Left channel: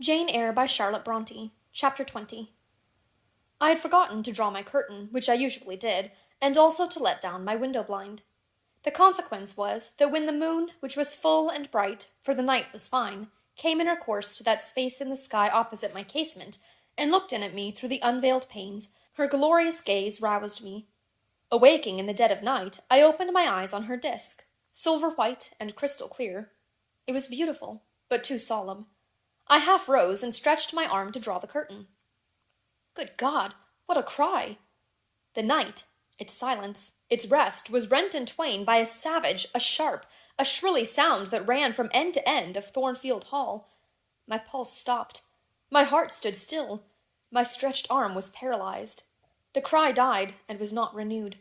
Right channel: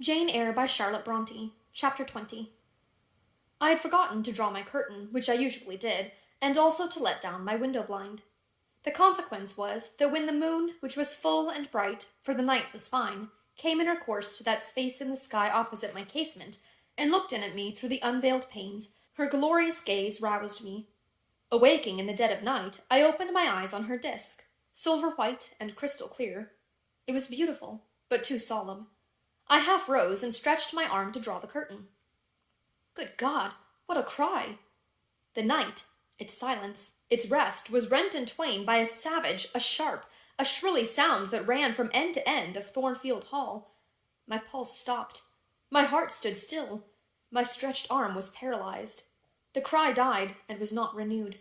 Jane Eyre by Charlotte Bronte, Chapter 20. I had forgotten to draw my curtain, which I usually did, and also to let down my window blind. The consequence was that when the moon, which was full and bright, for the night was fine, came in her course to that space in the sky opposite my casement, and looked in at me through the unveiled panes, her glorious gaze roused me. Awaking in the dead of night, I opened my eyes on her disk, silver white and crystal clear. It was beautiful, but too solemn. I half rose and stretched my arm to draw the curtain. Good God, what a cry! The night, its silence, its rest, was rent in twain by a savage, a sharp, a shrilly sound that ran from end to end of Thornfield Hall. My pulse stopped. My heart stood still. My stretched arm was paralyzed. The cry died and was not renewed.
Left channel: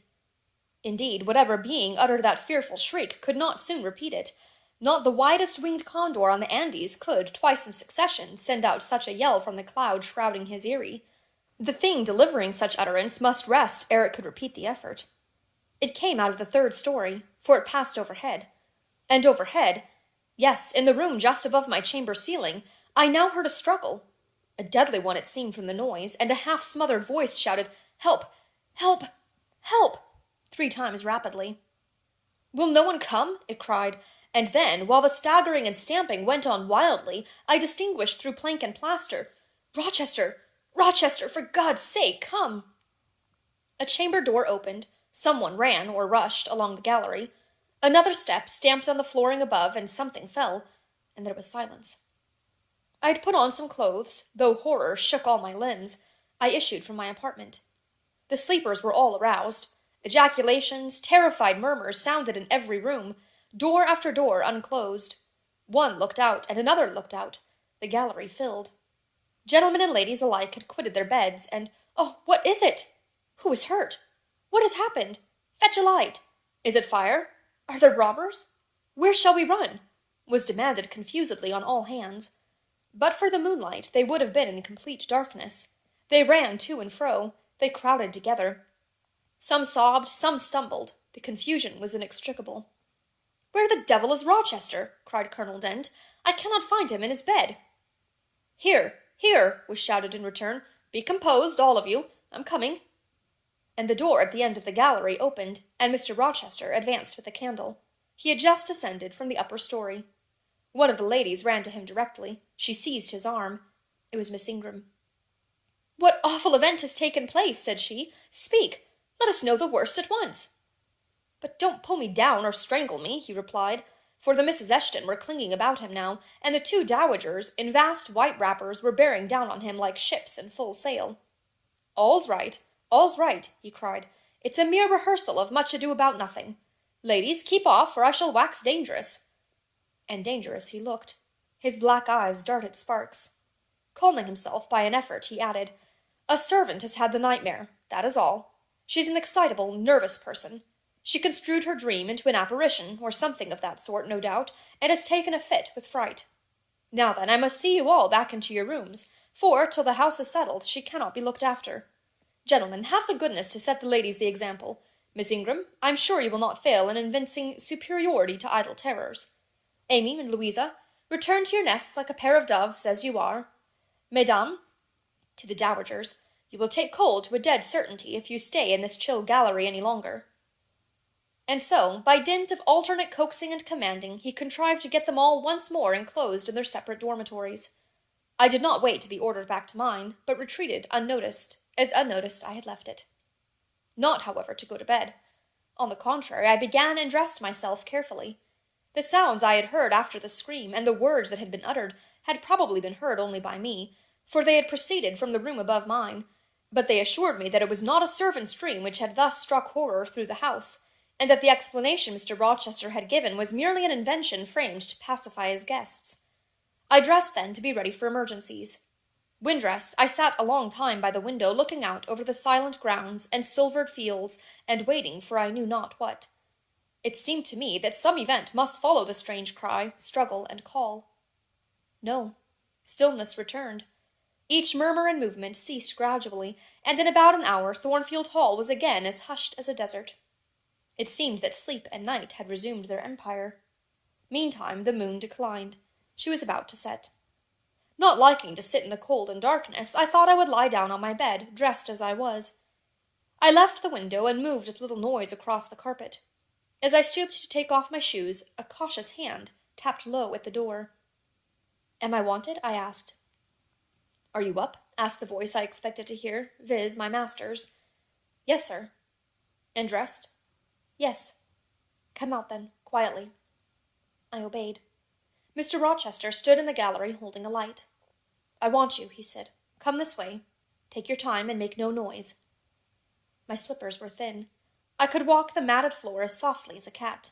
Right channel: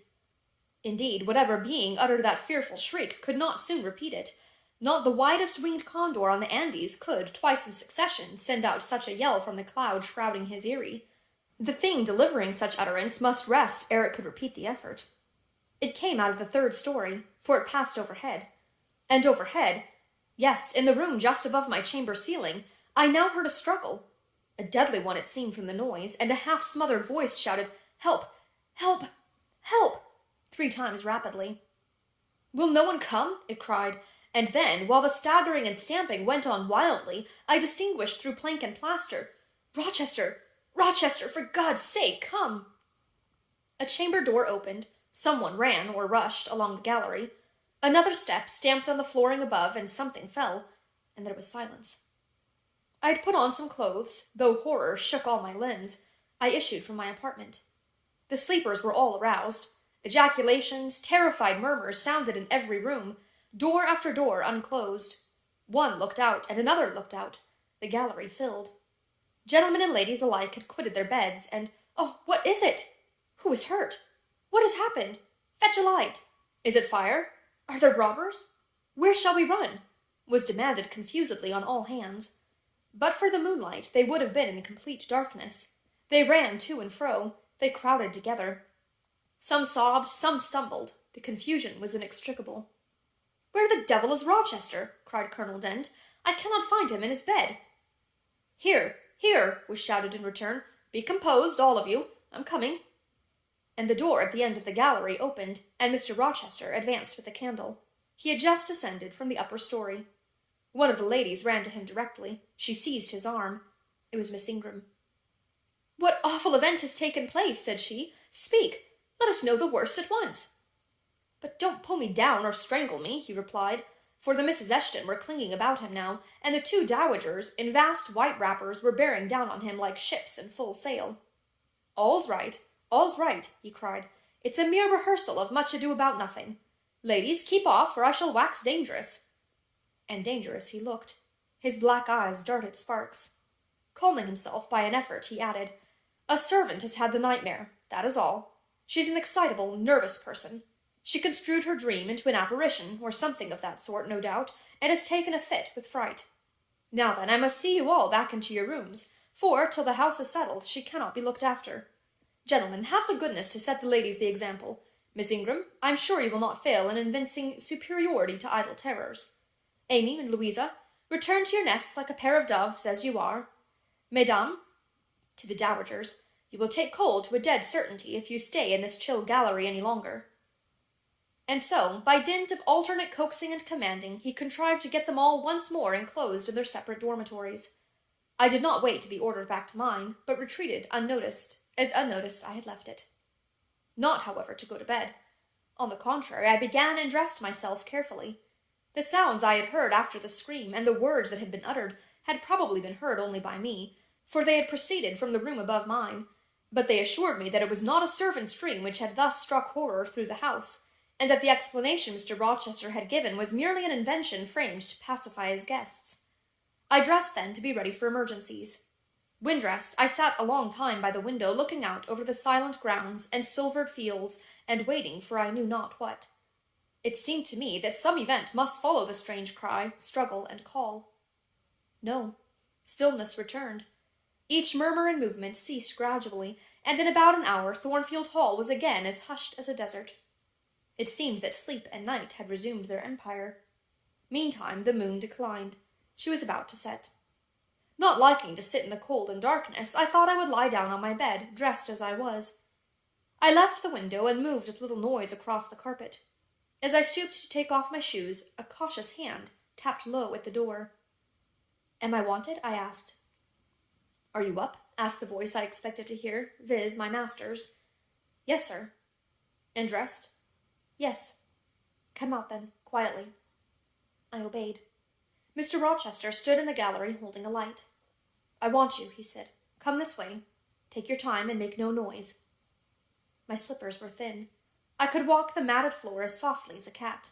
Indeed, whatever being uttered that fearful shriek could not soon repeat it. Not the widest-winged condor on the Andes could, twice in succession, send out such a yell from the cloud shrouding his eyrie. The thing delivering such utterance must rest ere it could repeat the effort. It came out of the third story, for it passed overhead. And overhead, yes, in the room just above my chamber ceiling, I now heard a struggle. A deadly one it seemed from the noise, and a half-smothered voice shouted, "Help! Help! Help!" 3 times rapidly. "Will no one come?" it cried, and then, while the staggering and stamping went on wildly, I distinguished through plank and plaster, "Rochester! Rochester! For God's sake, come!" A chamber door opened, someone ran, or rushed, along the gallery. Another step stamped on the flooring above, and something fell, and there was silence. I had put on some clothes, though horror shook all my limbs. I issued from my apartment. The sleepers were all aroused. Ejaculations, terrified murmurs sounded in every room. Door after door unclosed. One looked out, and another looked out. The gallery filled. Gentlemen and ladies alike had quitted their beds, and, "Oh, what is it? Who is hurt? What has happened? Fetch a light. Is it fire? Are there robbers? Where shall we run?" was demanded confusedly on all hands. But for the moonlight, they would have been in complete darkness. They ran to and fro. They crowded together. Some sobbed, some stumbled. The confusion was inextricable. "Where the devil is Rochester?" cried Colonel Dent. "I cannot find him in his bed." "Here, here," was shouted in return. "Be composed, all of you. I'm coming." And the door at the end of the gallery opened, and Mr. Rochester advanced with a candle. He had just descended from the upper story. One of the ladies ran to him directly. She seized his arm. It was Miss Ingram. "What awful event has taken place?" said she. "Speak! Let us know the worst at once." "But don't pull me down or strangle me," he replied, for the Misses Eshton were clinging about him now, and the 2 dowagers, in vast white wrappers, were bearing down on him like ships in full sail. All's right," he cried. "It's a mere rehearsal of Much Ado About Nothing. Ladies, keep off, or I shall wax dangerous." And dangerous he looked. His black eyes darted sparks. Calming himself by an effort, he added, "A servant has had the nightmare, that is all. She's an excitable, nervous person. She construed her dream into an apparition, or something of that sort, no doubt, and has taken a fit with fright. Now then, I must see you all back into your rooms, for, till the house is settled, she cannot be looked after. Gentlemen, have the goodness to set the ladies the example. Miss Ingram, I'm sure you will not fail in evincing superiority to idle terrors. Amy and Louisa, return to your nests like a pair of doves, as you are. Mesdames," to the dowagers, "you will take cold to a dead certainty if you stay in this chill gallery any longer." And so, by dint of alternate coaxing and commanding, he contrived to get them all once more enclosed in their separate dormitories. I did not wait to be ordered back to mine, but retreated unnoticed, as unnoticed I had left it. Not, however, to go to bed. On the contrary, I began and dressed myself carefully. The sounds I had heard after the scream, and the words that had been uttered, had probably been heard only by me, for they had proceeded from the room above mine, but they assured me that it was not a servant's dream which had thus struck horror through the house, and that the explanation Mr. Rochester had given was merely an invention framed to pacify his guests. I dressed then to be ready for emergencies. When dressed, I sat a long time by the window looking out over the silent grounds and silvered fields, and waiting for I knew not what. It seemed to me that some event must follow the strange cry, struggle, and call. No, stillness returned. Each murmur and movement ceased gradually, and in about an hour Thornfield Hall was again as hushed as a desert. It seemed that sleep and night had resumed their empire. Meantime the moon declined. She was about to set. Not liking to sit in the cold and darkness, I thought I would lie down on my bed, dressed as I was. I left the window and moved with little noise across the carpet. As I stooped to take off my shoes, a cautious hand tapped low at the door. "Am I wanted?" I asked. "Are you up?" asked the voice I expected to hear, viz., my master's. "Yes, sir." "And dressed?" "Yes." "Come out, then, quietly." I obeyed. Mr. Rochester stood in the gallery holding a light. "I want you," he said. "Come this way. Take your time and make no noise." My slippers were thin. I could walk the matted floor as softly as a cat.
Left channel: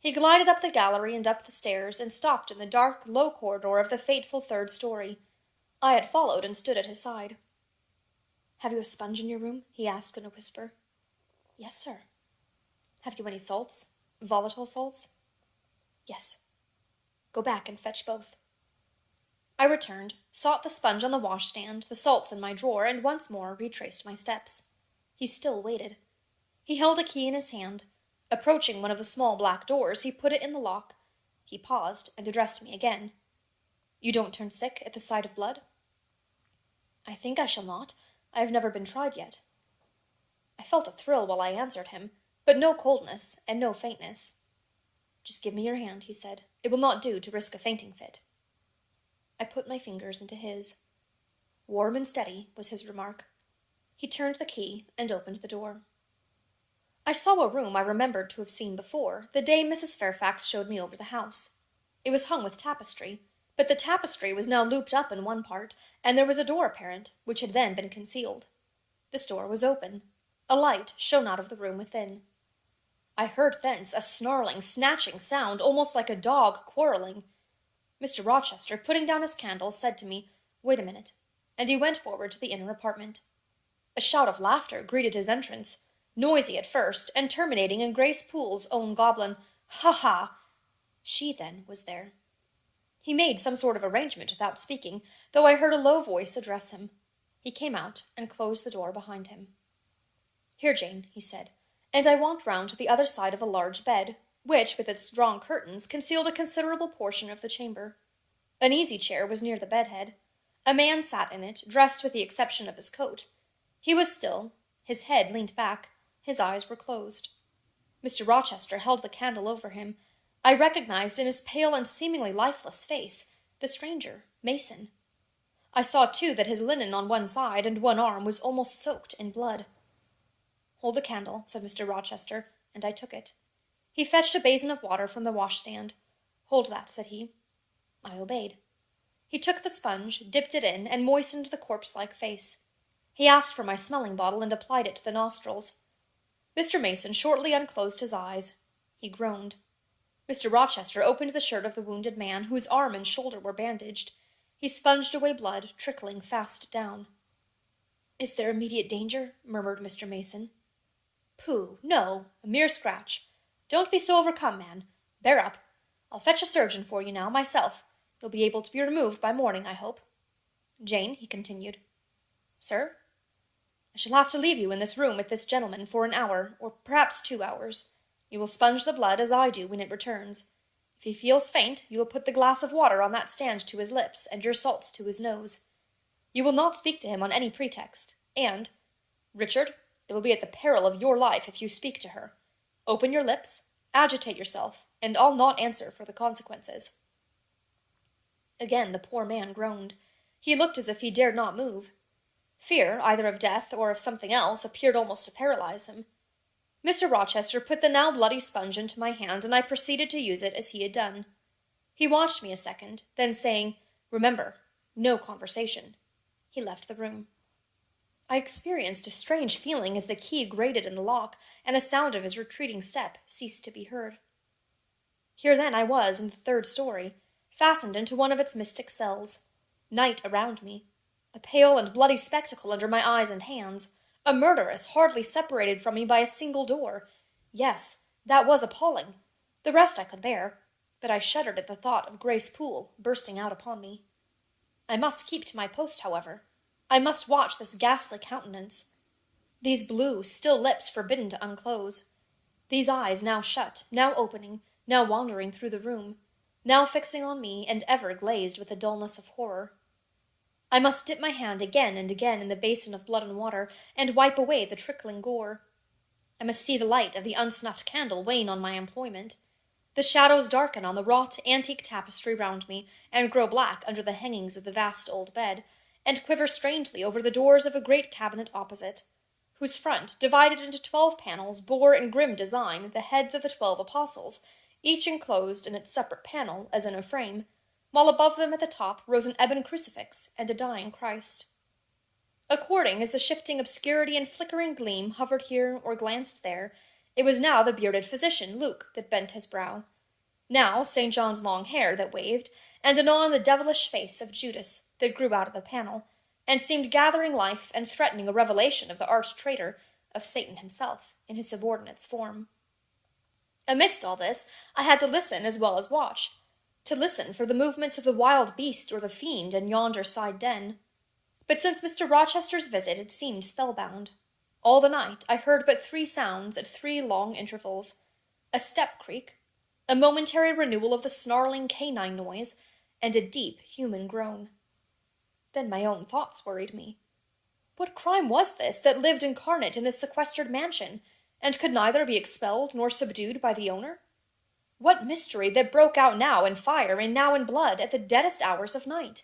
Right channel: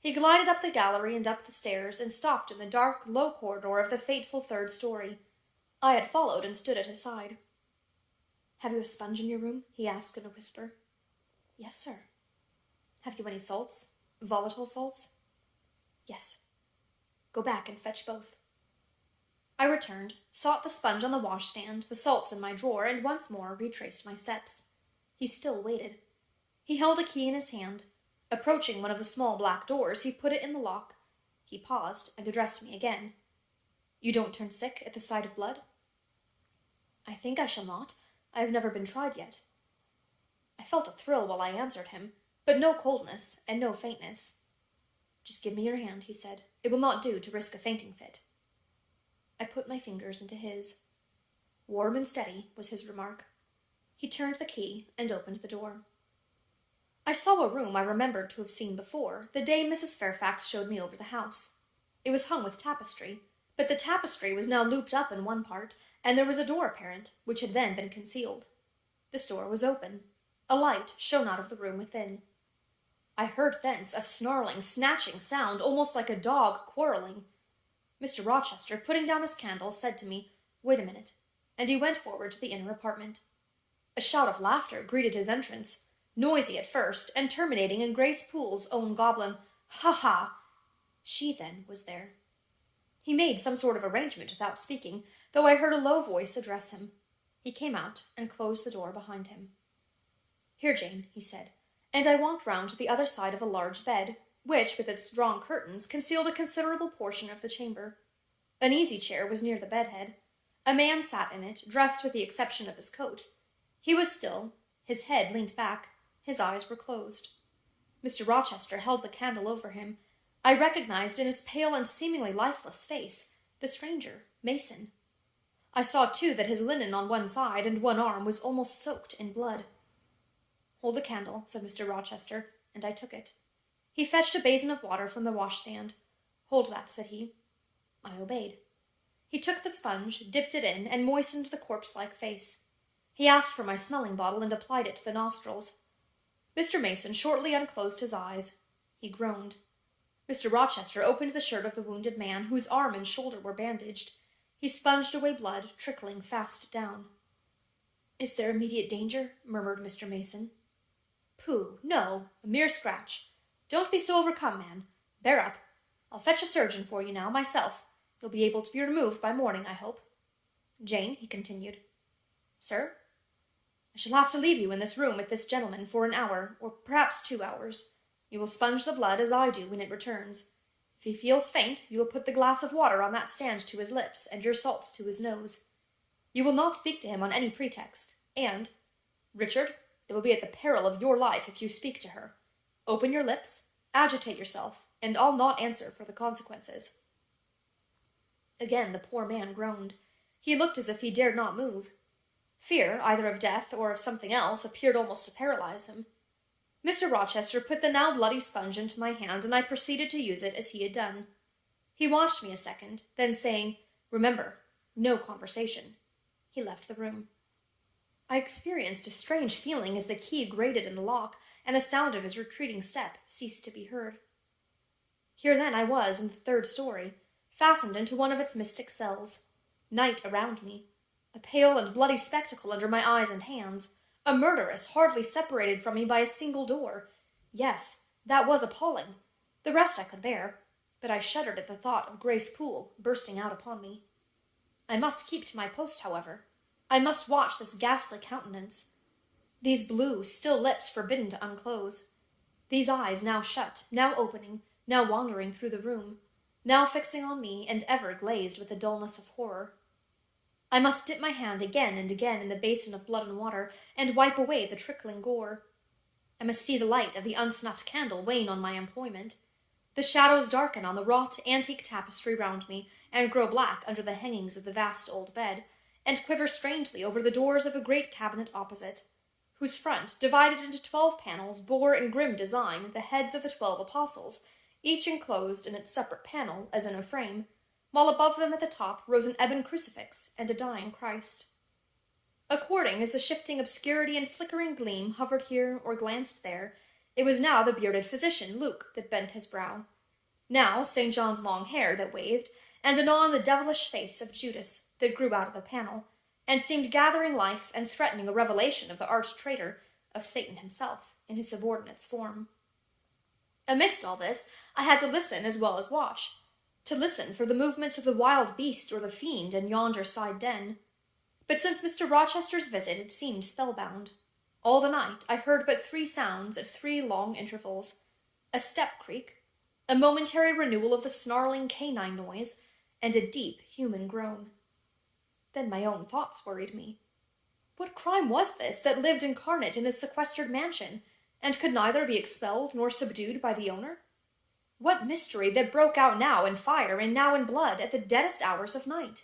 He glided up the gallery and up the stairs, and stopped in the dark, low corridor of the fateful third story. I had followed and stood at his side. "Have you a sponge in your room?" he asked in a whisper. "Yes, sir." "Have you any salts? Volatile salts?" "Yes." "Go back and fetch both." I returned, sought the sponge on the washstand, the salts in my drawer, and once more retraced my steps. He still waited. He held a key in his hand. Approaching one of the small black doors, he put it in the lock. He paused and addressed me again. "You don't turn sick at the sight of blood?" "I think I shall not. I have never been tried yet." I felt a thrill while I answered him, but no coldness and no faintness. "Just give me your hand," he said. "It will not do to risk a fainting fit." I put my fingers into his. "Warm and steady," was his remark. He turned the key and opened the door. I saw a room I remembered to have seen before, the day Mrs. Fairfax showed me over the house. It was hung with tapestry, but the tapestry was now looped up in one part, and there was a door apparent, which had then been concealed. This door was open. A light shone out of the room within. I heard thence a snarling, snatching sound, almost like a dog quarrelling. Mr. Rochester, putting down his candle, said to me, "Wait a minute," and he went forward to the inner apartment. A shout of laughter greeted his entrance, noisy at first, and terminating in Grace Poole's own goblin, "Ha ha!" She, then, was there. He made some sort of arrangement without speaking, though I heard a low voice address him. He came out and closed the door behind him. "Here, Jane," he said, and I walked round to the other side of a large bed, which, with its drawn curtains, concealed a considerable portion of the chamber. An easy-chair was near the bedhead. A man sat in it, dressed with the exception of his coat. He was still, his head leant back, his eyes were closed. Mr. Rochester held the candle over him. I recognized in his pale and seemingly lifeless face the stranger, Mason. I saw, too, that his linen on one side and one arm was almost soaked in blood. "Hold the candle," said Mr. Rochester, and I took it. He fetched a basin of water from the washstand. "Hold that," said he. I obeyed. He took the sponge, dipped it in, and moistened the corpse-like face. He asked for my smelling bottle and applied it to the nostrils. Mr. Mason shortly unclosed his eyes. He groaned. Mr. Rochester opened the shirt of the wounded man, whose arm and shoulder were bandaged. He sponged away blood, trickling fast down. "Is there immediate danger?" murmured Mr. Mason. "Pooh, no, a mere scratch. Don't be so overcome, man. Bear up. I'll fetch a surgeon for you now, myself. You'll be able to be removed by morning, I hope. Jane," he continued. "Sir?" "I shall have to leave you in this room with this gentleman for an hour, or perhaps 2 hours. You will sponge the blood as I do when it returns. If he feels faint, you will put the glass of water on that stand to his lips, and your salts to his nose. You will not speak to him on any pretext, and, Richard, it will be at the peril of your life if you speak to her. Open your lips, agitate yourself, and I'll not answer for the consequences." Again the poor man groaned. He looked as if he dared not move. Fear, either of death or of something else, appeared almost to paralyze him. Mr. Rochester put the now bloody sponge into my hand, and I proceeded to use it as he had done. He watched me a second, then saying, "Remember, no conversation," he left the room. I experienced a strange feeling as the key grated in the lock, and the sound of his retreating step ceased to be heard. Here then I was in the third story, fastened into one of its mystic cells. Night around me, a pale and bloody spectacle under my eyes and hands, a murderess hardly separated from me by a single door. Yes, that was appalling. The rest I could bear, but I shuddered at the thought of Grace Poole bursting out upon me. I must keep to my post, however. I must watch this ghastly countenance. These blue, still lips forbidden to unclose. These eyes now shut, now opening, now wandering through the room, now fixing on me, and ever glazed with the dullness of horror. I must dip my hand again and again in the basin of blood and water, and wipe away the trickling gore. I must see the light of the unsnuffed candle wane on my employment, the shadows darken on the wrought antique tapestry round me, and grow black under the hangings of the vast old bed, and quiver strangely over the doors of a great cabinet opposite, whose front, divided into 12 panels, bore in grim design the heads of the 12 apostles, each enclosed in its separate panel as in a frame, while above them at the top rose an ebon crucifix and a dying Christ. According as the shifting obscurity and flickering gleam hovered here or glanced there, it was now the bearded physician, Luke, that bent his brow, now St. John's long hair that waved, and anon the devilish face of Judas that grew out of the panel, and seemed gathering life and threatening a revelation of the arch-traitor, of Satan himself, in his subordinate's form. Amidst all this, I had to listen as well as watch, to listen for the movements of the wild beast or the fiend in yonder side den. But since Mr. Rochester's visit it seemed spellbound. All the night I heard but 3 sounds at 3 long intervals: a step creak, a momentary renewal of the snarling canine noise, and a deep human groan. Then my own thoughts worried me. What crime was this that lived incarnate in this sequestered mansion, and could neither be expelled nor subdued by the owner? What mystery that broke out now in fire and now in blood at the deadest hours of night?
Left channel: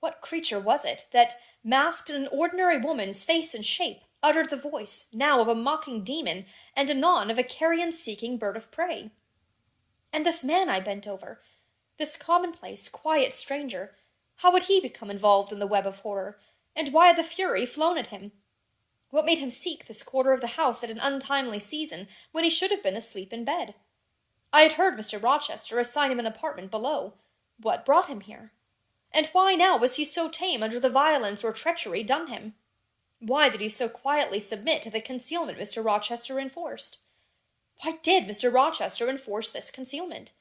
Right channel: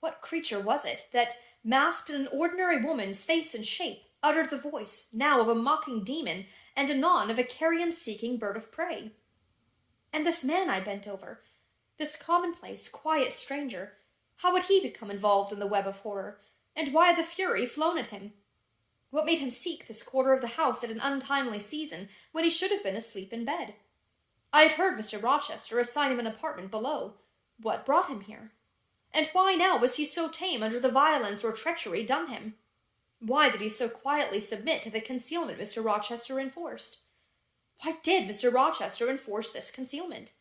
What creature was it that, masked in an ordinary woman's face and shape, uttered the voice, now of a mocking demon, and anon of a carrion-seeking bird of prey? And this man I bent over, this commonplace, quiet stranger, how had he become involved in the web of horror, and why had the fury flown at him? What made him seek this quarter of the house at an untimely season, when he should have been asleep in bed? I had heard Mr. Rochester assign him an apartment below. What brought him here? And why now was he so tame under the violence or treachery done him? Why did he so quietly submit to the concealment Mr. Rochester enforced? Why did Mr. Rochester enforce this concealment?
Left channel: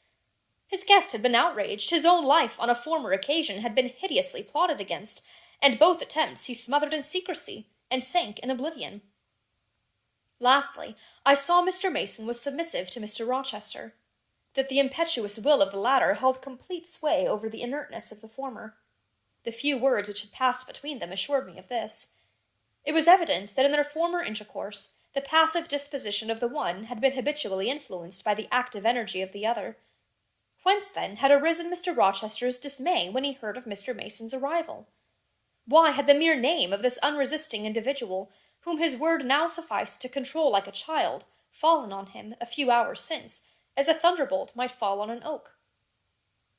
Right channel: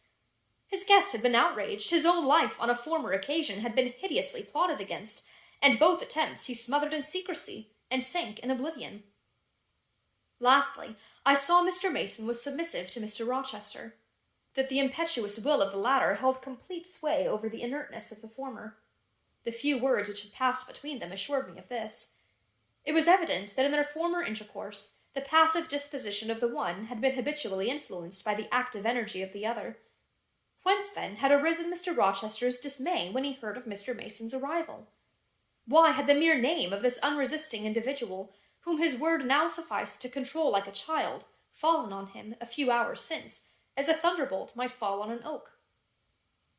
His guest had been outraged, his own life on a former occasion had been hideously plotted against, and both attempts he smothered in secrecy, and sank in oblivion. Lastly, I saw Mr. Mason was submissive to Mr. Rochester, that the impetuous will of the latter held complete sway over the inertness of the former. The few words which had passed between them assured me of this. It was evident that in their former intercourse, the passive disposition of the one had been habitually influenced by the active energy of the other. Whence, then, had arisen Mr. Rochester's dismay when he heard of Mr. Mason's arrival? Why had the mere name of this unresisting individual, whom his word now sufficed to control like a child, fallen on him a few hours since, as a thunderbolt might fall on an oak?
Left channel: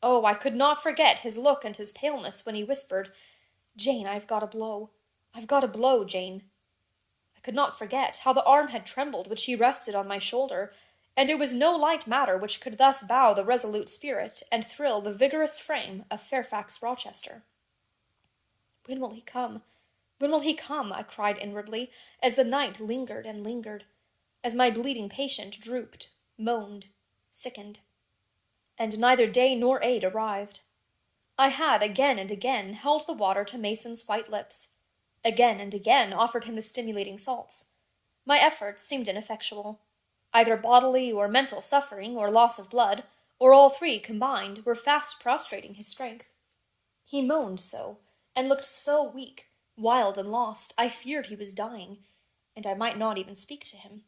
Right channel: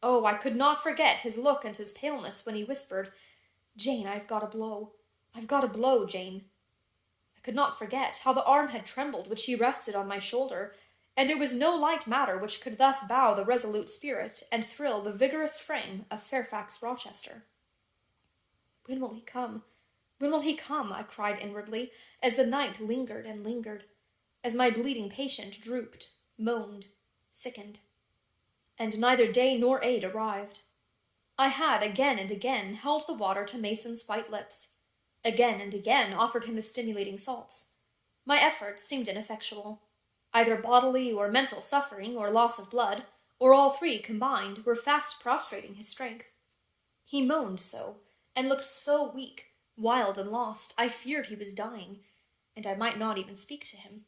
Oh, I could not forget his look and his paleness when he whispered, "Jane, I've got a blow. I've got a blow, Jane." I could not forget how the arm had trembled which he rested on my shoulder, and it was no light matter which could thus bow the resolute spirit and thrill the vigorous frame of Fairfax Rochester. "When will he come? When will he come?" I cried inwardly, as the night lingered and lingered, as my bleeding patient drooped, moaned, sickened. And neither day nor aid arrived. I had again and again held the water to Mason's white lips, again and again offered him the stimulating salts. My efforts seemed ineffectual. Either bodily or mental suffering, or loss of blood, or all 3 combined, were fast prostrating his strength. He moaned so, and looked so weak, wild and lost, I feared he was dying, and I might not even speak to him.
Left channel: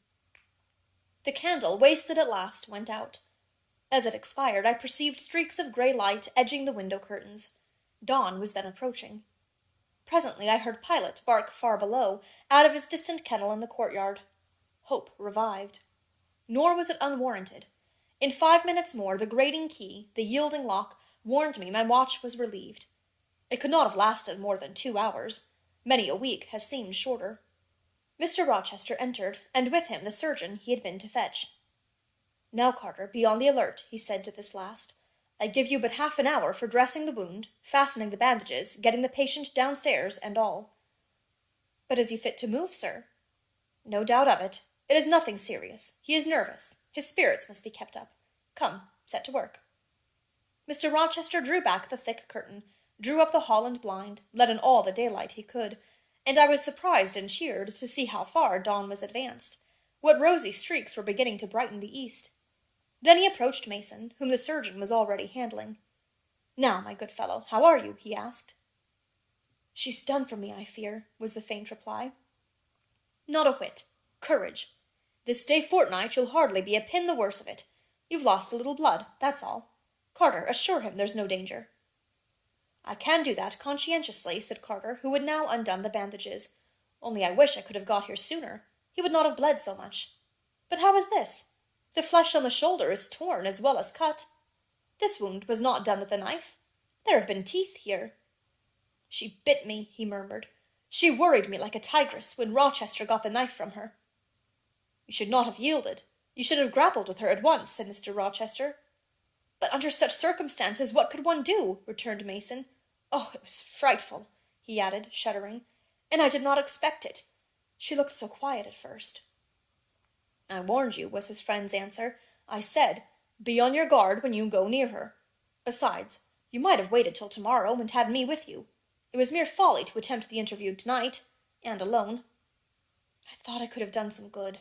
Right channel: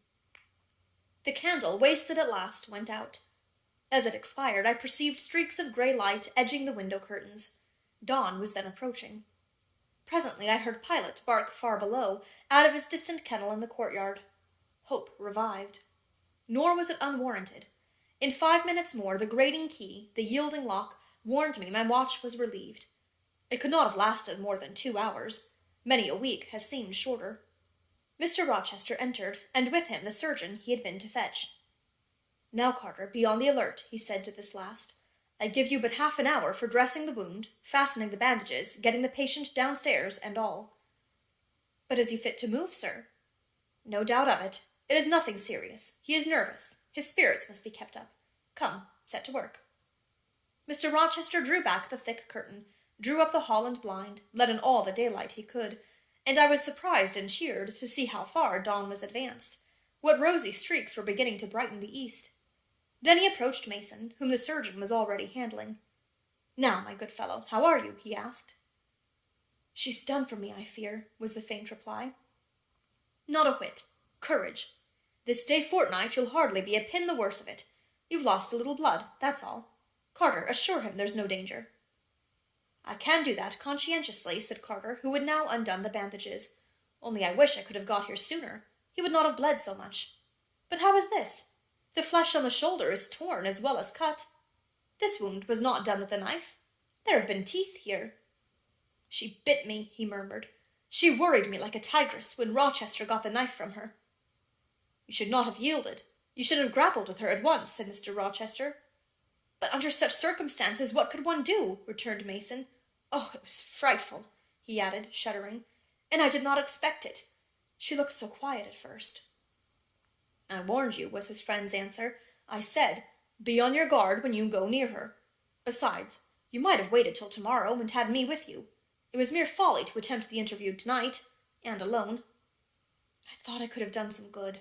The candle, wasted at last, went out. As it expired, I perceived streaks of grey light edging the window curtains. Dawn was then approaching. Presently I heard Pilot bark far below, out of his distant kennel in the courtyard. Hope revived. Nor was it unwarranted. In 5 minutes more, the grating key, the yielding lock, warned me my watch was relieved. It could not have lasted more than 2 hours. Many a week has seemed shorter. Mr. Rochester entered, and with him the surgeon he had been to fetch. "Now, Carter, be on the alert," he said to this last. "I give you but half an hour for dressing the wound, fastening the bandages, getting the patient downstairs, and all." "But is he fit to move, sir?" "No doubt of it. It is nothing serious. He is nervous. His spirits must be kept up. Come, set to work." Mr. Rochester drew back the thick curtain, drew up the Holland blind, let in all the daylight he could, and I was surprised and cheered to see how far dawn was advanced, what rosy streaks were beginning to brighten the east. Then he approached Mason, whom the surgeon was already handling. "Now, my good fellow, how are you?" he asked. She's done for me, I fear, was the faint reply. Not a whit. Courage. This day fortnight you'll hardly be a pin the worse of it. You've lost a little blood, that's all. Carter, assure him there's no danger. I can do that conscientiously, said Carter, who had now undone the bandages. Only I wish I could have got here sooner. He would not have bled so much. But how is this? The flesh on the shoulder is torn as well as cut. This wound was not done with a knife. There have been teeth here. She bit me, he murmured. She worried me like a tigress when Rochester got the knife from her. You should not have yielded. You should have grappled with her at once, said Mr. Rochester. But under such circumstances, what could one do? Returned Mason. Oh, it was frightful, he added, shuddering, and I did not expect it. She looked so quiet at first. I warned you, was his friend's answer. I said, be on your guard when you go near her. Besides, you might have waited till tomorrow and had me with you. It was mere folly to attempt the interview tonight, and alone. I thought I could have done some good.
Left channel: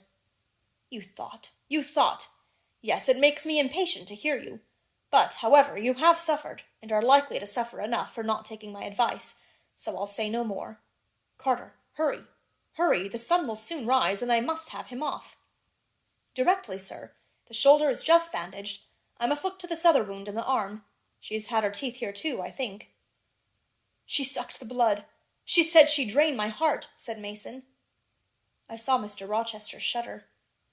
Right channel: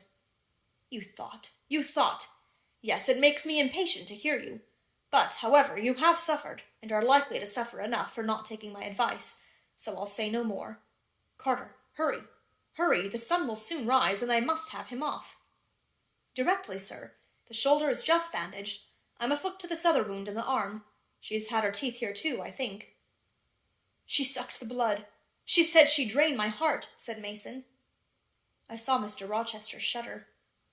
You thought. Yes, it makes me impatient to hear you. But, however, you have suffered, and are likely to suffer enough for not taking my advice, so I'll say no more. Carter, hurry. Hurry, the sun will soon rise, and I must have him off. Directly, sir. The shoulder is just bandaged. I must look to this other wound in the arm. She has had her teeth here too, I think. She sucked the blood. She said she'd drain my heart, said Mason. I saw Mr. Rochester shudder.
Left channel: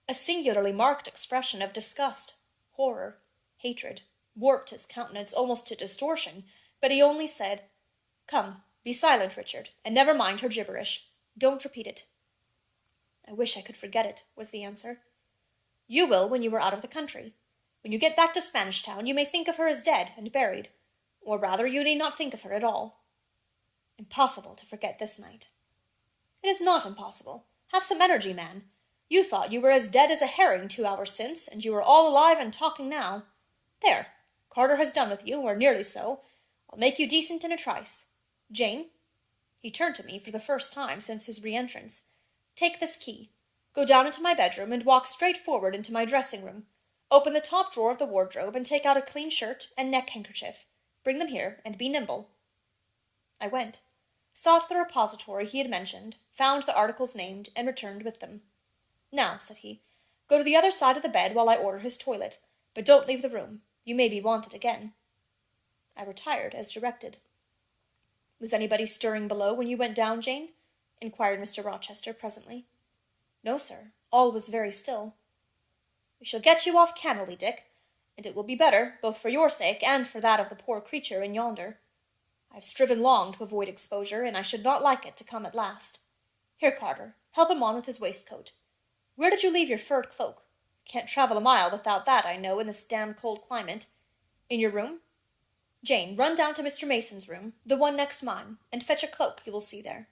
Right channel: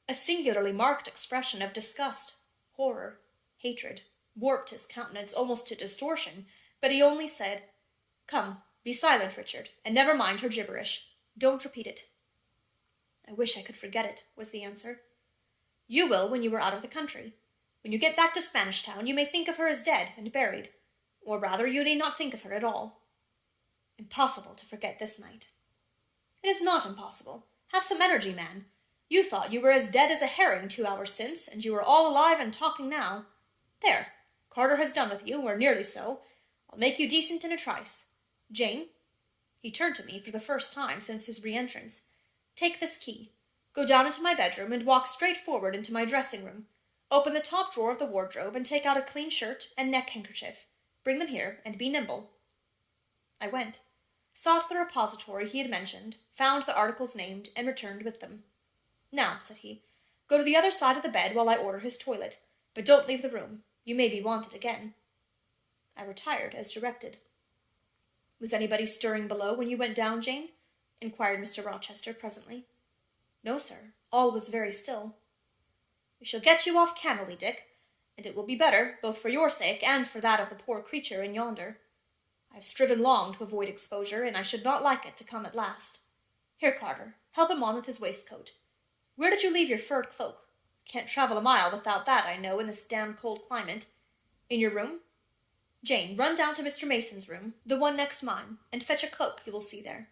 A singularly marked expression of disgust, horror, hatred warped his countenance almost to distortion, but he only said, Come, be silent, Richard, and never mind her gibberish. Don't repeat it. I wish I could forget it, was the answer. You will when you are out of the country. When you get back to Spanish Town, you may think of her as dead and buried, or rather you need not think of her at all. Impossible to forget this night. It is not impossible. Have some energy, man. You thought you were as dead as a herring 2 hours since, and you are all alive and talking now. There, Carter has done with you, or nearly so. I'll make you decent in a trice. Jane, he turned to me for the first time since his re-entrance. Take this key. Go down into my bedroom and walk straight forward into my dressing-room. Open the top drawer of the wardrobe and take out a clean shirt and neck-handkerchief. Bring them here, and be nimble. I went, sought the repository he had mentioned, found the articles named, and returned with them. Now, said he, go to the other side of the bed while I order his toilet, but don't leave the room. You may be wanted again. I retired as directed. Was anybody stirring below when you went down, Jane? Inquired Mr. Rochester presently. No, sir. All was very still. We shall get you off cannily, Dick, and it will be better, both for your sake and for that of the poor creature in yonder. I have striven long to avoid exposure, and I should not like it to come at last. Here, Carter, help him on with his waistcoat. Where did you leave your furred cloak? Can't travel a mile without that, I know, in this damned cold climate. In your room? Jane, run down to Mr. Mason's room, the one next mine, and fetch a cloak you will see there.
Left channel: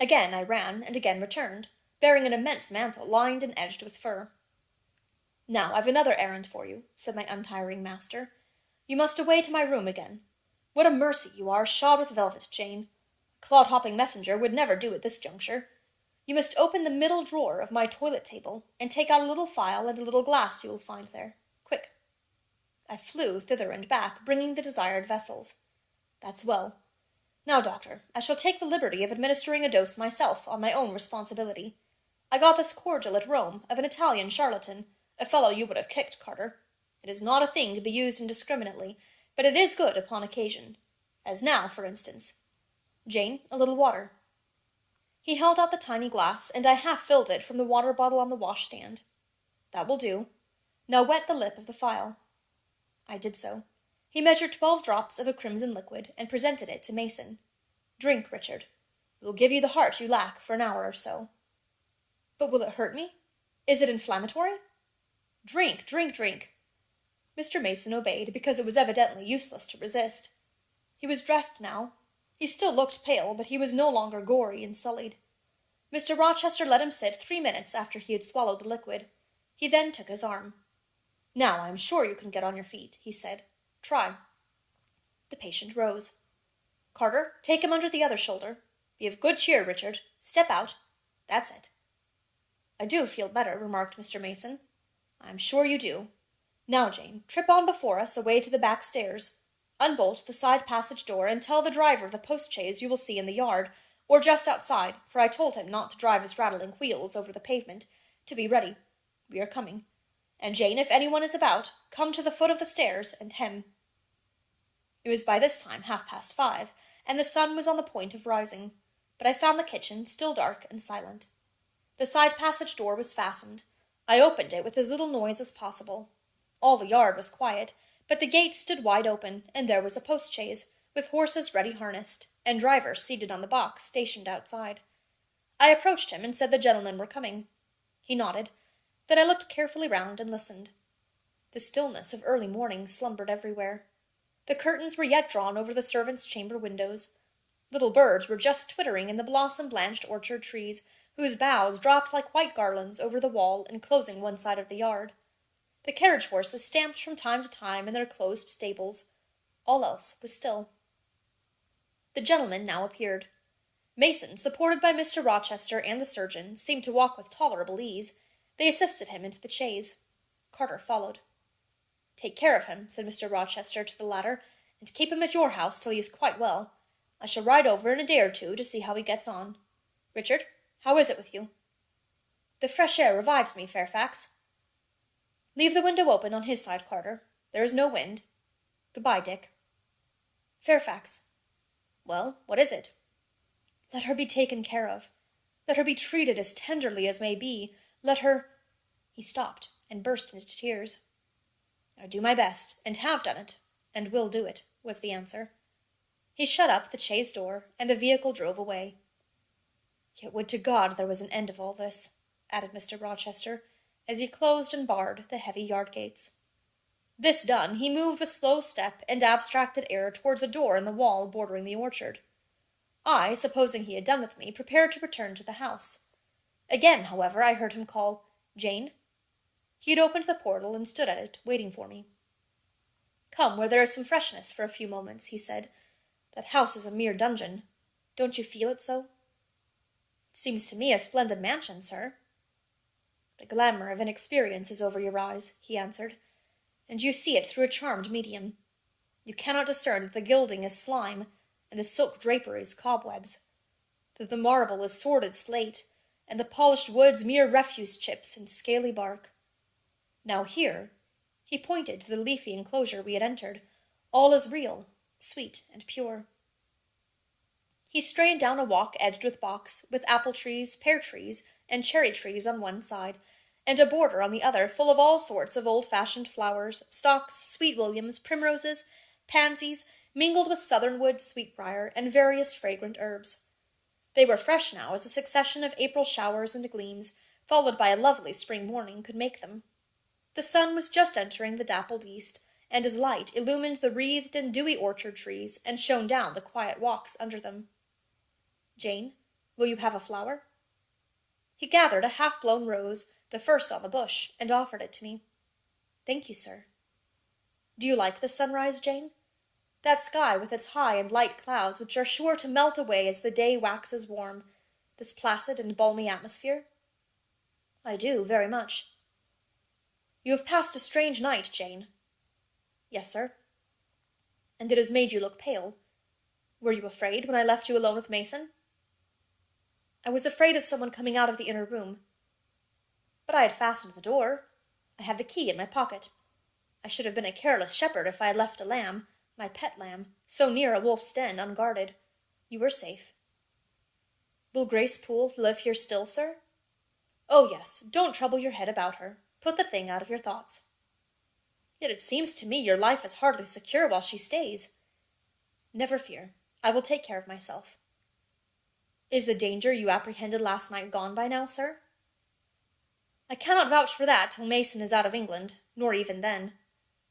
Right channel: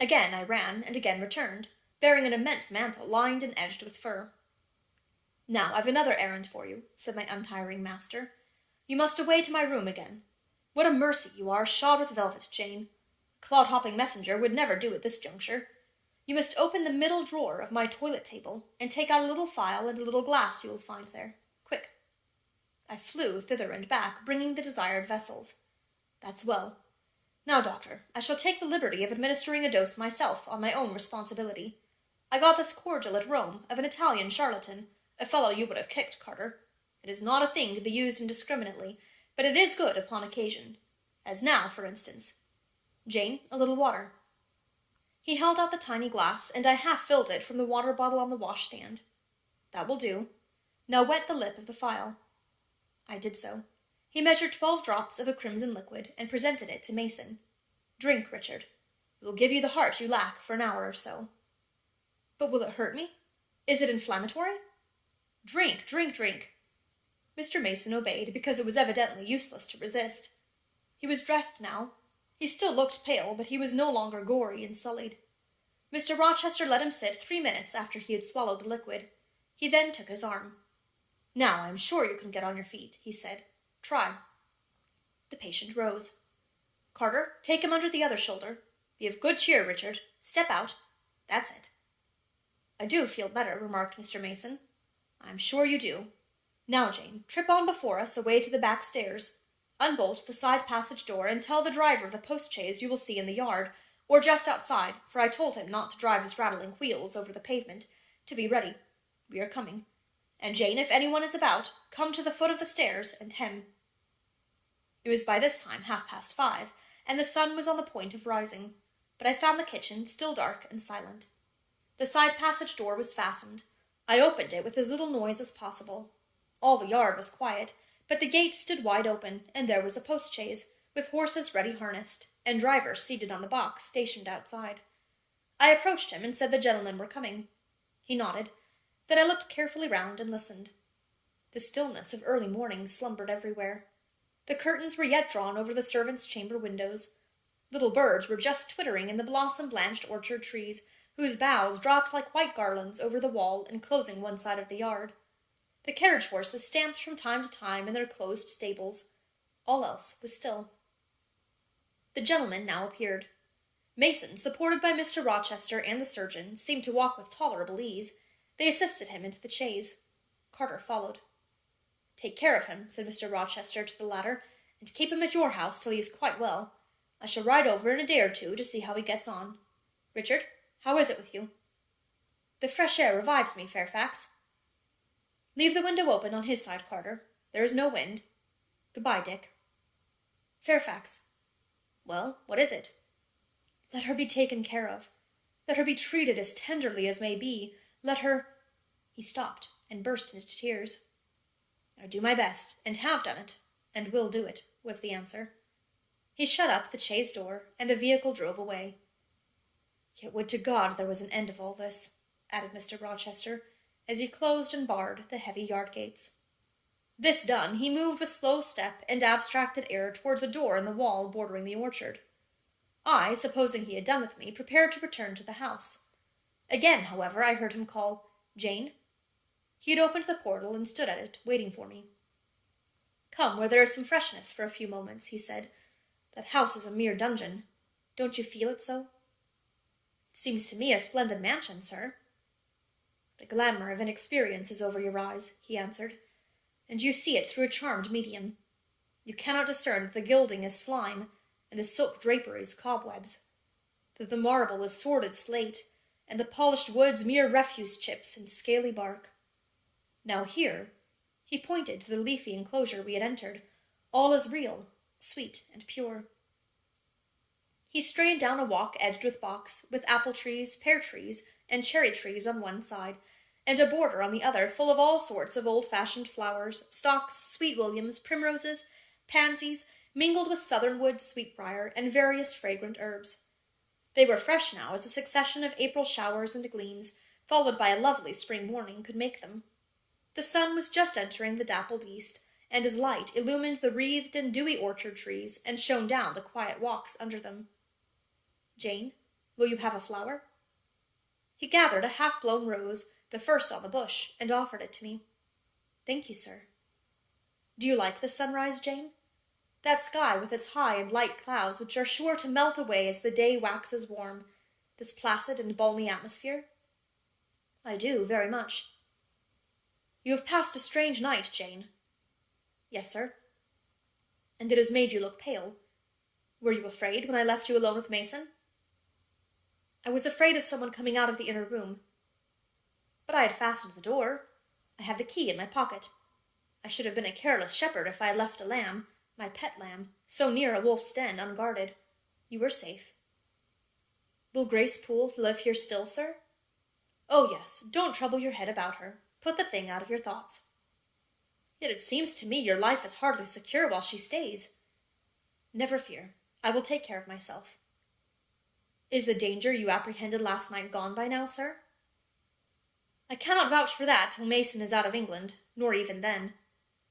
Again I ran, and again returned, bearing an immense mantle lined and edged with fur. Now I've another errand for you, said my untiring master. You must away to my room again. What a mercy you are, shod with velvet, Jane. A clod-hopping messenger would never do at this juncture. You must open the middle drawer of my toilet table, and take out a little phial and a little glass you will find there. Quick. I flew thither and back, bringing the desired vessels. That's well. Now, doctor, I shall take the liberty of administering a dose myself, on my own responsibility. I got this cordial at Rome, of an Italian charlatan, a fellow you would have kicked, Carter. It is not a thing to be used indiscriminately, but it is good upon occasion. As now, for instance. Jane, a little water. He held out the tiny glass, and I half filled it from the water bottle on the washstand. That will do. Now wet the lip of the phial. I did so. He measured 12 drops of a crimson liquid, and presented it to Mason. Drink, Richard. It will give you the heart you lack for an hour or so. But will it hurt me? Is it inflammatory? Drink, drink, drink. Mr. Mason obeyed, because it was evidently useless to resist. He was dressed now. He still looked pale, but he was no longer gory and sullied. Mr. Rochester let him sit 3 minutes after he had swallowed the liquid. He then took his arm. Now I am sure you can get on your feet, he said. Try. The patient rose. Carter, take him under the other shoulder. Be of good cheer, Richard. Step out. That's it. I do feel better, remarked Mr. Mason. I am sure you do. Now, Jane, trip on before us away to the back stairs. Unbolt the side passage door and tell the driver of the post-chaise you will see in the yard, or just outside, for I told him not to drive his rattling wheels over the pavement, to be ready. We are coming. And Jane, if anyone is about, come to the foot of the stairs and hem." It was by this time 5:30, and the sun was on the point of rising, but I found the kitchen still dark and silent. The side passage door was fastened. I opened it with as little noise as possible. All the yard was quiet, but the gate stood wide open, and there was a post-chaise, with horses ready harnessed, and drivers seated on the box stationed outside. I approached him and said the gentlemen were coming. He nodded. Then I looked carefully round and listened. The stillness of early morning slumbered everywhere. The curtains were yet drawn over the servants' chamber windows. Little birds were just twittering in the blossom-blanched orchard trees, whose boughs dropped like white garlands over the wall enclosing one side of the yard. The carriage horses stamped from time to time in their closed stables. All else was still. The gentlemen now appeared. Mason, supported by Mr. Rochester and the surgeon, seemed to walk with tolerable ease. They assisted him into the chaise. Carter followed. "Take care of him," said Mr. Rochester to the latter, "and keep him at your house till he is quite well. I shall ride over in a day or two to see how he gets on. Richard, how is it with you?" "The fresh air revives me, Fairfax." "Leave the window open on his side, Carter. There is no wind. Good-bye, Dick." "Fairfax." "Well, what is it?" "Let her be taken care of. Let her be treated as tenderly as may be. Let her—" He stopped and burst into tears. "I do my best, and have done it, and will do it," was the answer. He shut up the chaise door, and the vehicle drove away. "Yet would to God there was an end of all this," added Mr. Rochester, as he closed and barred the heavy yard gates. This done, he moved with slow step and abstracted air towards a door in the wall bordering the orchard. I, supposing he had done with me, prepared to return to the house. Again, however, I heard him call, "Jane?" He had opened the portal and stood at it, waiting for me. "Come where there is some freshness for a few moments," he said. "That house is a mere dungeon. Don't you feel it so?" "It seems to me a splendid mansion, sir." "The glamour of inexperience is over your eyes," he answered, "and you see it through a charmed medium. You cannot discern that the gilding is slime, and the silk draperies cobwebs, that the marble is sordid slate, and the polished woods mere refuse chips and scaly bark. Now here," he pointed to the leafy enclosure we had entered, "all is real, sweet, and pure." He strayed down a walk edged with box, with apple trees, pear trees, and cherry trees on one side, and a border on the other full of all sorts of old-fashioned flowers, stocks, sweet williams, primroses, pansies, mingled with southernwood, sweetbriar, and various fragrant herbs. They were fresh now as a succession of April showers and gleams, followed by a lovely spring morning, could make them. The sun was just entering the dappled east, and his light illumined the wreathed and dewy orchard trees, and shone down the quiet walks under them. "Jane, will you have a flower?" He gathered a half-blown rose, the first on the bush, and offered it to me. "Thank you, sir." "Do you like the sunrise, Jane? That sky with its high and light clouds which are sure to melt away as the day waxes warm, this placid and balmy atmosphere?" "I do, very much." "You have passed a strange night, Jane." "Yes, sir." "And it has made you look pale. Were you afraid when I left you alone with Mason?" "I was afraid of someone coming out of the inner room. But I had fastened the door. I had the key in my pocket. I should have been a careless shepherd if I had left a lamb, my pet lamb, so near a wolf's den, unguarded. You were safe." "Will Grace Poole live here still, sir?" "Oh, yes. Don't trouble your head about her. Put the thing out of your thoughts." "Yet it seems to me your life is hardly secure while she stays." "Never fear. I will take care of myself." "Is the danger you apprehended last night gone by now, sir?" "I cannot vouch for that till Mason is out of England, nor even then.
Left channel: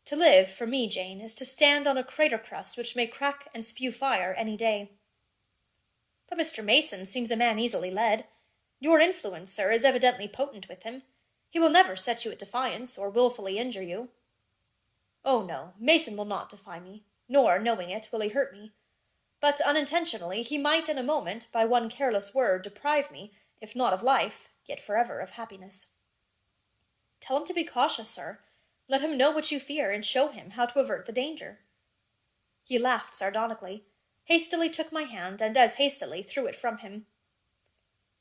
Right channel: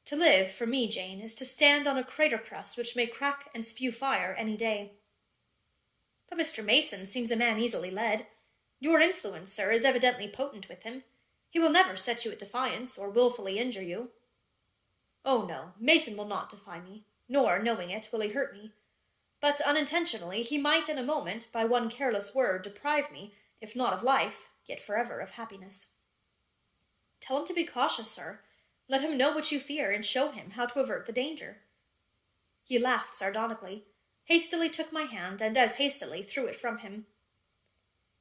To live, for me, Jane, is to stand on a crater crust which may crack and spew fire any day." "But Mr. Mason seems a man easily led. Your influence, sir, is evidently potent with him. He will never set you at defiance, or wilfully injure you." "Oh, no, Mason will not defy me, nor, knowing it, will he hurt me. But unintentionally he might in a moment, by one careless word, deprive me, if not of life, yet forever of happiness." "Tell him to be cautious, sir. Let him know what you fear, and show him how to avert the danger." He laughed sardonically, hastily took my hand, and as hastily threw it from him.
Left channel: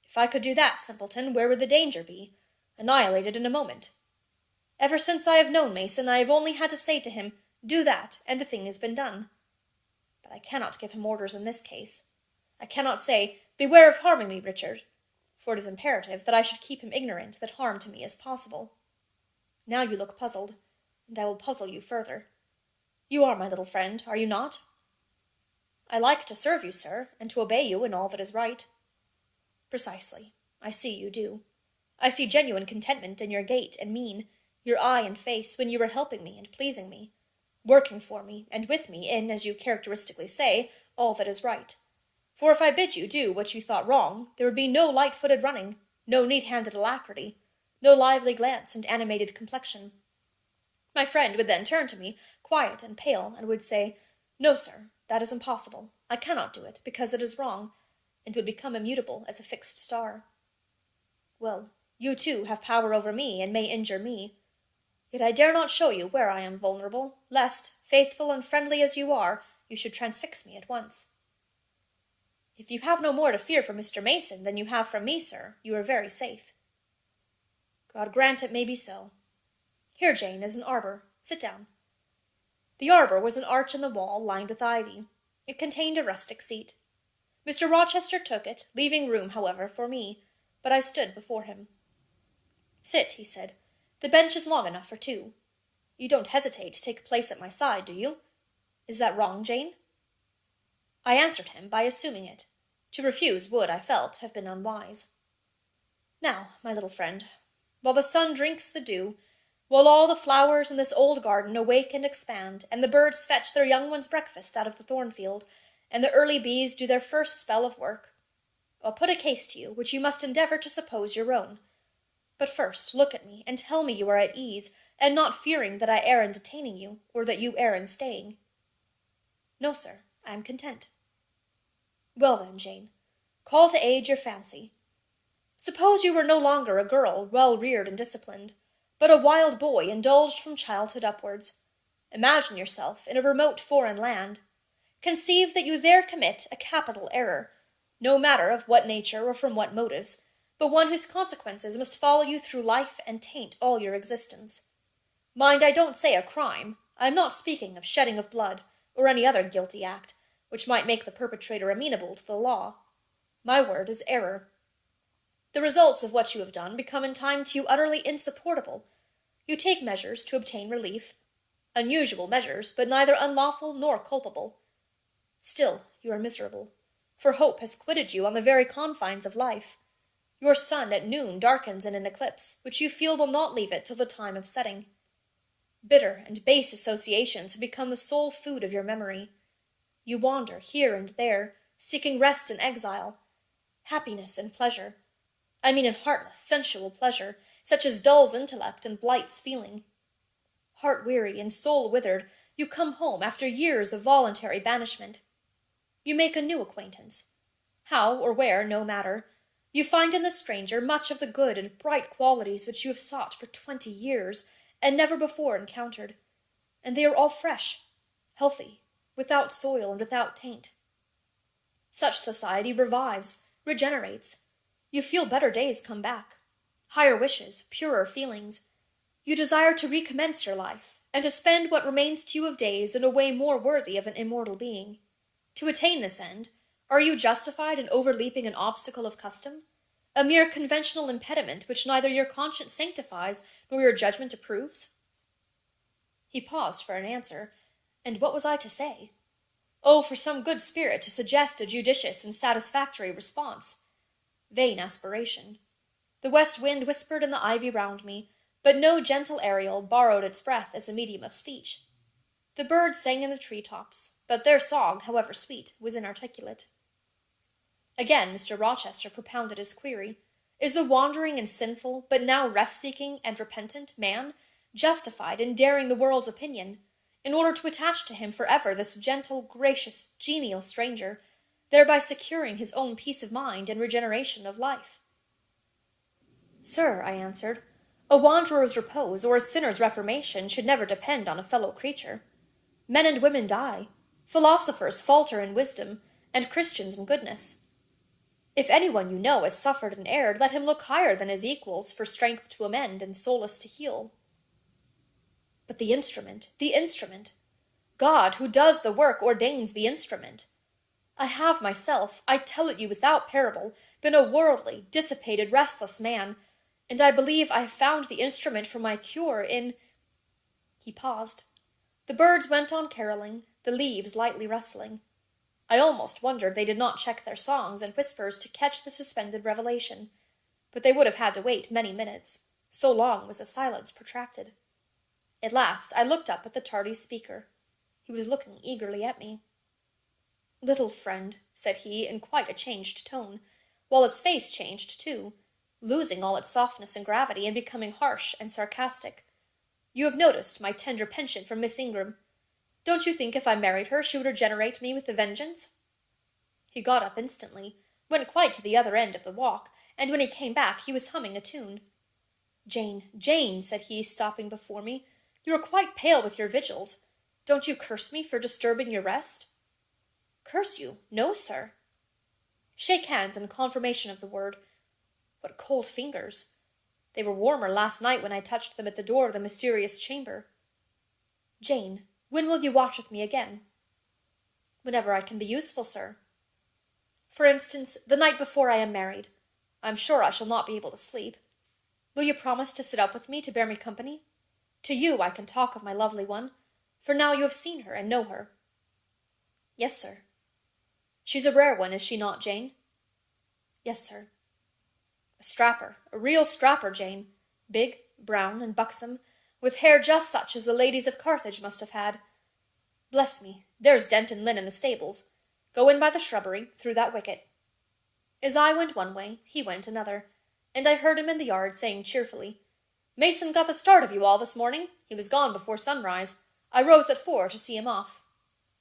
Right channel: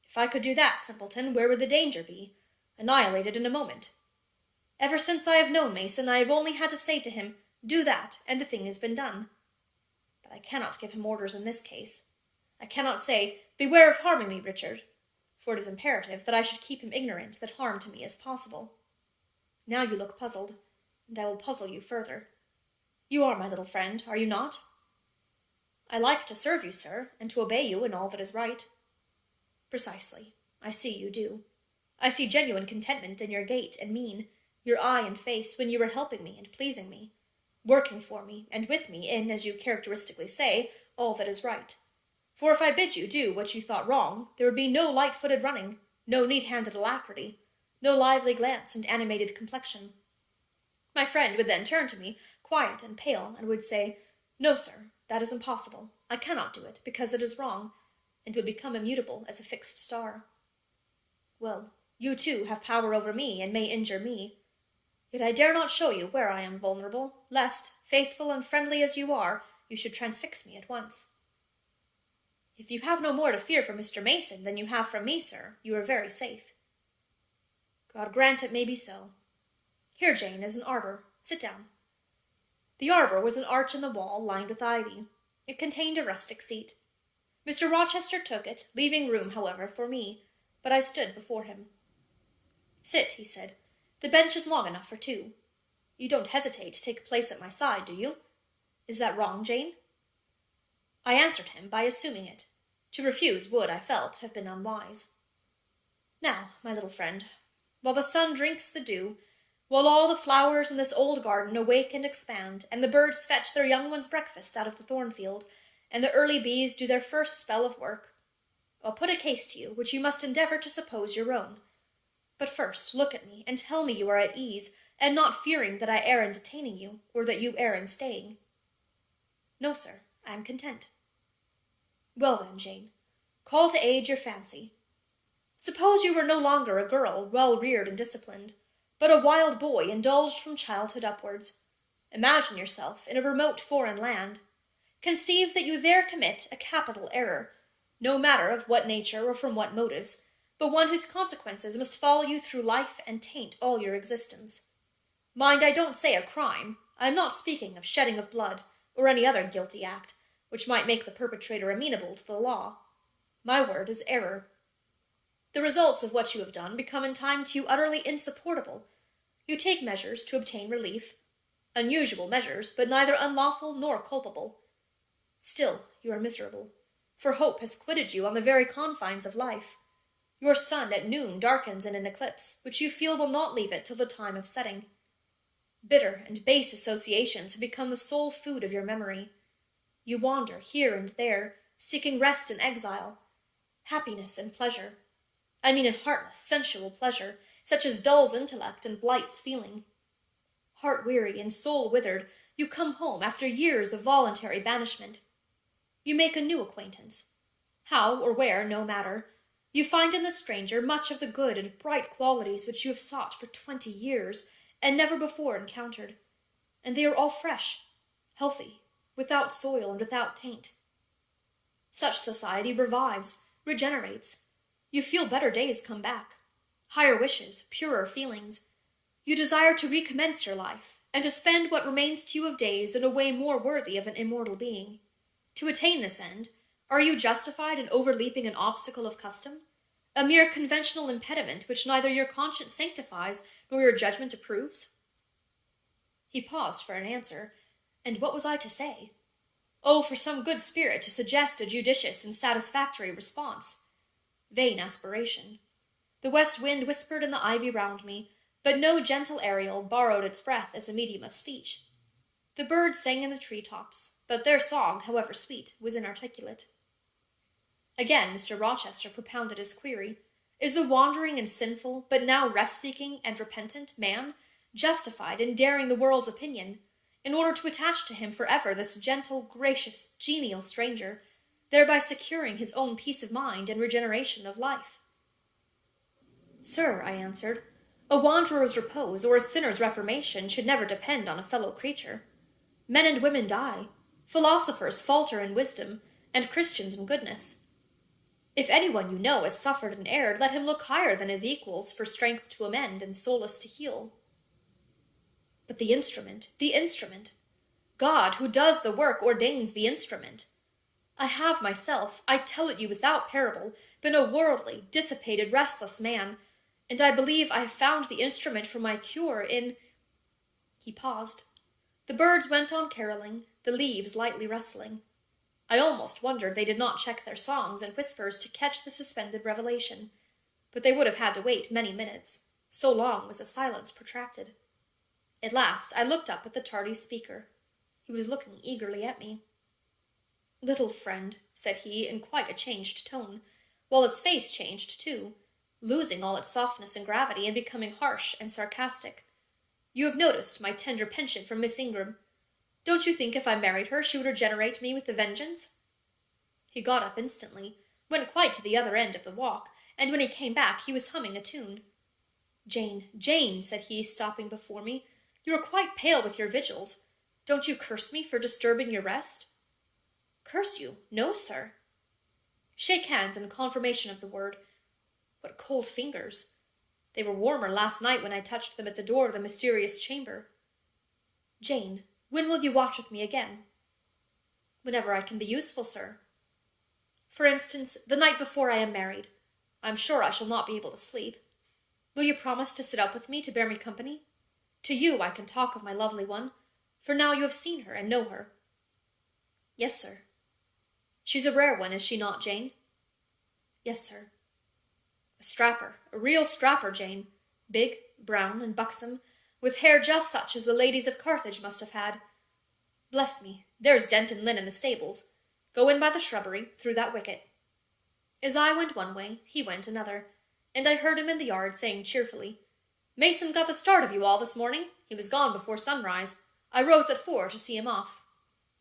If I could do that, simpleton, where would the danger be? Annihilated in a moment. Ever since I have known Mason, I have only had to say to him, do that, and the thing has been done. But I cannot give him orders in this case. I cannot say, beware of harming me, Richard, for it is imperative that I should keep him ignorant that harm to me is possible. Now you look puzzled, and I will puzzle you further. You are my little friend, are you not? I like to serve you, sir, and to obey you in all that is right. Precisely. I see you do. I see genuine contentment in your gait and mien, your eye and face, when you are helping me and pleasing me, working for me and with me in, as you characteristically say, all that is right. For if I bid you do what you thought wrong, there would be no light-footed running, no neat-handed alacrity, no lively glance and animated complexion. My friend would then turn to me, quiet and pale, and would say, no, sir, that is impossible. I cannot do it, because it is wrong, and would become immutable as a fixed star. Well, you too have power over me, and may injure me. Yet I dare not show you where I am vulnerable, lest, faithful and friendly as you are, you should transfix me at once. If you have no more to fear from Mr. Mason than you have from me, sir, you are very safe. God grant it may be so. Here, Jane, is an arbor. Sit down. The arbor was an arch in the wall, lined with ivy. It contained a rustic seat. Mr. Rochester took it, leaving room, however, for me, but I stood before him. Sit, he said. The bench is long enough for two. You don't hesitate to take a place at my side, do you? Is that wrong, Jane? I answered him by assuming it. To refuse would, I felt, have been unwise. Now, my little friend, while the sun drinks the dew, while all the flowers in this old garden awake and expand, and the birds fetch their young ones' breakfast out of the thornfield, and the early bees do their first spell of work, I'll put a case to you, which you must endeavor to suppose your own. But first, look at me, and tell me you are at ease, and not fearing that I err in detaining you, or that you err in staying. No, sir, I am content. Well then, Jane, call to aid your fancy. Suppose you were no longer a girl, well reared and disciplined, but a wild boy indulged from childhood upwards. Imagine yourself in a remote foreign land. Conceive that you there commit a capital error, no matter of what nature or from what motives, but one whose consequences must follow you through life and taint all your existence. Mind, I don't say a crime. I am not speaking of shedding of blood, or any other guilty act, which might make the perpetrator amenable to the law. My word is error. The results of what you have done become in time to you utterly insupportable. You take measures to obtain relief, unusual measures, but neither unlawful nor culpable. Still, you are miserable, for hope has quitted you on the very confines of life. Your sun at noon darkens in an eclipse, which you feel will not leave it till the time of setting. Bitter and base associations have become the sole food of your memory. You wander here and there, seeking rest in exile, happiness and pleasure. I mean in heartless, sensual pleasure, such as dulls intellect and blights feeling. Heart-weary and soul-withered, you come home after years of voluntary banishment. You make a new acquaintance. How or where, no matter. You find in the stranger much of the good and bright qualities which you have sought for 20 years, and never before encountered, and they are all fresh, healthy, without soil and without taint. Such society revives, regenerates. You feel better days come back, higher wishes, purer feelings. You desire to recommence your life, and to spend what remains to you of days in a way more worthy of an immortal being. To attain this end, are you justified in overleaping an obstacle of custom, a mere conventional impediment which neither your conscience sanctifies nor your judgment approves? He paused for an answer, and what was I to say? Oh, for some good spirit to suggest a judicious and satisfactory response. Vain aspiration. The west wind whispered in the ivy round me, but no gentle Ariel borrowed its breath as a medium of speech. The birds sang in the tree-tops, but their song, however sweet, was inarticulate. Again Mr. Rochester propounded his query. Is the wandering and sinful, but now rest-seeking and repentant man justified in daring the world's opinion, in order to attach to him forever this gentle, gracious, genial stranger, thereby securing his own peace of mind and regeneration of life? Sir, I answered, a wanderer's repose or a sinner's reformation should never depend on a fellow creature. Men and women die. Philosophers falter in wisdom, and Christians in goodness. If anyone you know has suffered and erred, let him look higher than his equals for strength to amend and solace to heal. But the instrument, the instrument. God, who does the work, ordains the instrument. I have myself, I tell it you without parable, been a worldly, dissipated, restless man, and I believe I have found the instrument for my cure in— He paused. The birds went on caroling, the leaves lightly rustling. I almost wondered they did not check their songs and whispers to catch the suspended revelation, but they would have had to wait many minutes, so long was the silence protracted. At last I looked up at the tardy speaker. He was looking eagerly at me. "Little friend," said he, in quite a changed tone, while his face changed too, losing all its softness and gravity and becoming harsh and sarcastic. "You have noticed my tender penchant for Miss Ingram. Don't you think if I married her she would regenerate me with a vengeance?" He got up instantly, went quite to the other end of the walk, and when he came back he was humming a tune. "Jane, Jane," said he, stopping before me, "you are quite pale with your vigils. Don't you curse me for disturbing your rest?" "Curse you? No, sir." "Shake hands in confirmation of the word. What cold fingers! They were warmer last night when I touched them at the door of the mysterious chamber. Jane, when will you watch with me again?" "Whenever I can be useful, sir." "For instance, the night before I am married. I am sure I shall not be able to sleep. Will you promise to sit up with me to bear me company? To you I can talk of my lovely one, for now you have seen her and know her." "Yes, sir." "She's a rare one, is she not, Jane?" "Yes, sir." "A strapper, a real strapper, Jane. Big, brown, and buxom, with hair just such as the ladies of Carthage must have had. Bless me, there's Denton Lynn in the stables. Go in by the shrubbery, through that wicket." As I went one way, he went another, and I heard him in the yard saying cheerfully, "Mason got the start of you all this morning. He was gone before sunrise. I rose at 4 to see him off."